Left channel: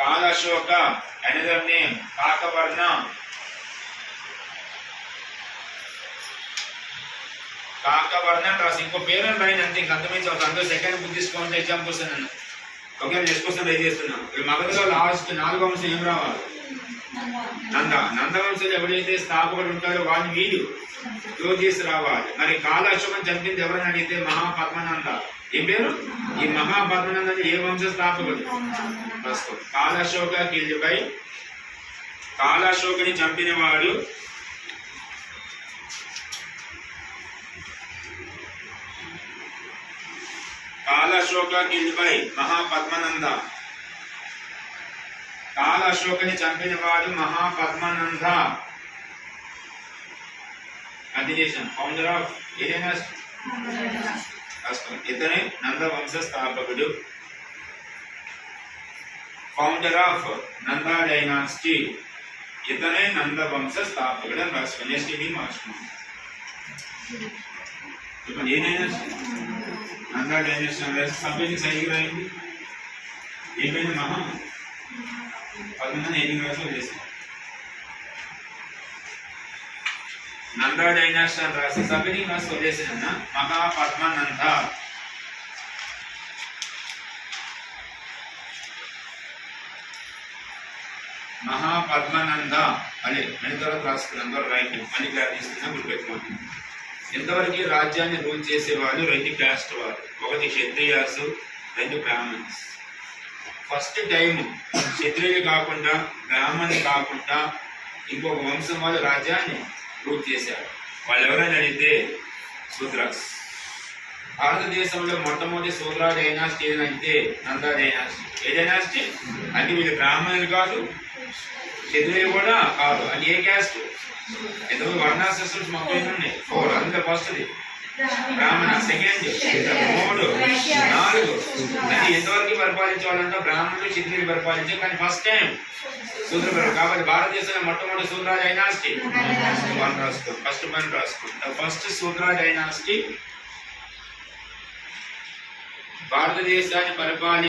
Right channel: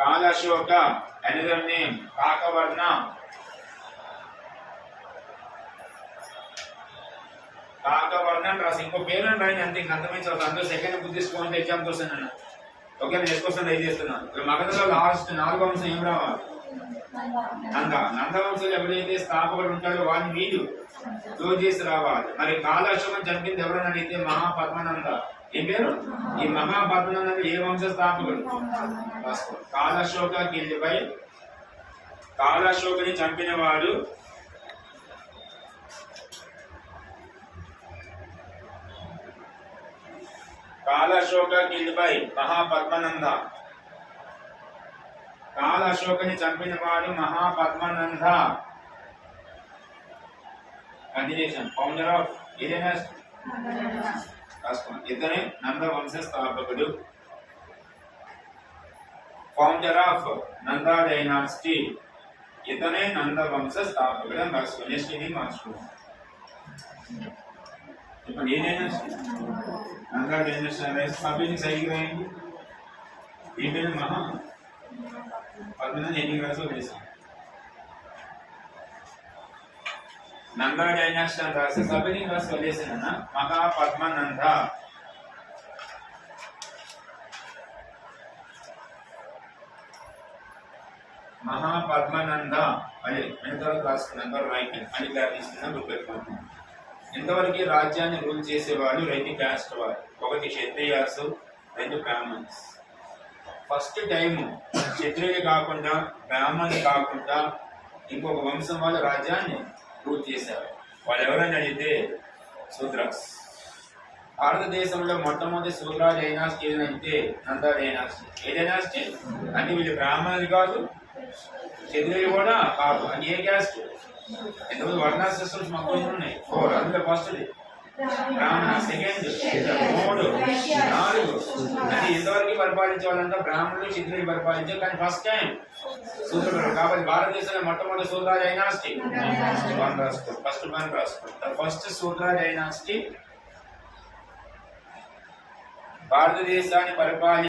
కాలశోక, another name కాకవర్ణ. కాకవర్ణ రాసి ఇంకో పేరు రాయని అంతే, ఇంక అంతమించి ఒక అందరూ సెకండ్ బుక్ తీసుకోవాలంటే ఎగ్జామ్ కోసం ఓకే నెక్స్ట్ క్వశ్చన్ ట్రై చేస్తున్నాను. ఇప్పుడు మగధలో లాస్ట్ 4వ వంశం ఏం రావాలి? నంద. నందవంశంలో ఎవరైతే స్థాపకుడు ఉంటారో వాడిని వీడు క్లోజ్ చేసి రావాలి. మరి కాలశోకం చంపింది ఎవరని అడిగితే మహాపద్మనంద. ఏం పేరు? ఈ మహాపద్మనంద ఏ వంశ స్థాపకుడు? కాలశోక కిల్డ్ బై, కాలశోకని చంపిన వాడు కాలశోక కిల్డ్ బై మహాపద్మనంద. కాలశోకని చంపిన వాడు మహాపద్మనంద. కంటిన్యూషన్. ఫౌండర్ ఆఫ్ ఏదైనా రాష్ట్రం ఇతనే నంద వంశ స్థాపకుడు. ఫౌండర్ ఆఫ్ నంద డైనాసిటీ, ఇతనే నంద వంశ స్థాపకుడు అని రాసుకోండి. నెక్స్ట్ ఇది మార్చుకోండి. చెప్పండి ఏ డైనాసిటీ? నంద డైనాసిటీ. సభ్యుని సైకి రాయింది ఏమైనా మహా పద్మనంద ఎన్ని రాసులు చేశాం. నంద డైనాసిటీ అని రాసి సభ్యుని రాసి వదిలేసిన మహాపద్మనంద. మహాపద్మనంద అదే ఎంతవరకు రాసుకున్నాం రైట్ అని తీసుకున్నా గుర్తుపెట్టుకోండి. ఎంతవరకు రాజ్యాన్ని రూల్ చేసేవాళ్ళు 2 క్యాస్ట్ వారు. 1 క్షత్రియాసు, 2 బ్రాహ్మణ్స్. ఫస్ట్ టైం క్షత్రియులు కాకుండా బ్రాహ్మణులు కాకుండా ఇంకొక వంశం వాళ్ళు రాజ్యాన్ని రూల్ చేశారు. వాళ్ళు ఎవరైనా అడిగితే శూద్రాస్. భారతదేశంలో మొట్టమొదటి శూద్ర డైనాసిటీ ఏదంటే నంద డైనాసిటీ. ఏ డైనాసిటీ అంటే వీళ్ళు బ్రాహ్మణులు కాదు, క్షత్రియులు కూడా కాదు. అది ఏ క్యాస్ట్? ఎందుకు వర్ణ సిస్టమ్స్ మాకు ఉన్నాయి 4. అందులో ఫస్ట్ది బ్రాహ్మణ, సెకండ్ 3, 4. అంటే ఎంతవరకు పరిపాలించేవాళ్ళంటే బ్రాహ్మణులు క్షత్రియులు పరిపాలించారు. కానీ ఫస్ట్ టైం శూద్రులు. కాబట్టి భారతదేశంలో మొట్టమొదటి శూద్ర డైనాసిటీ 1 రాసుకో. ఫస్ట్ 1 రాసుకుంటా. ఫస్ట్ శూద్ర డైనాసిటీ భారతదేశాన్ని పరిపాలి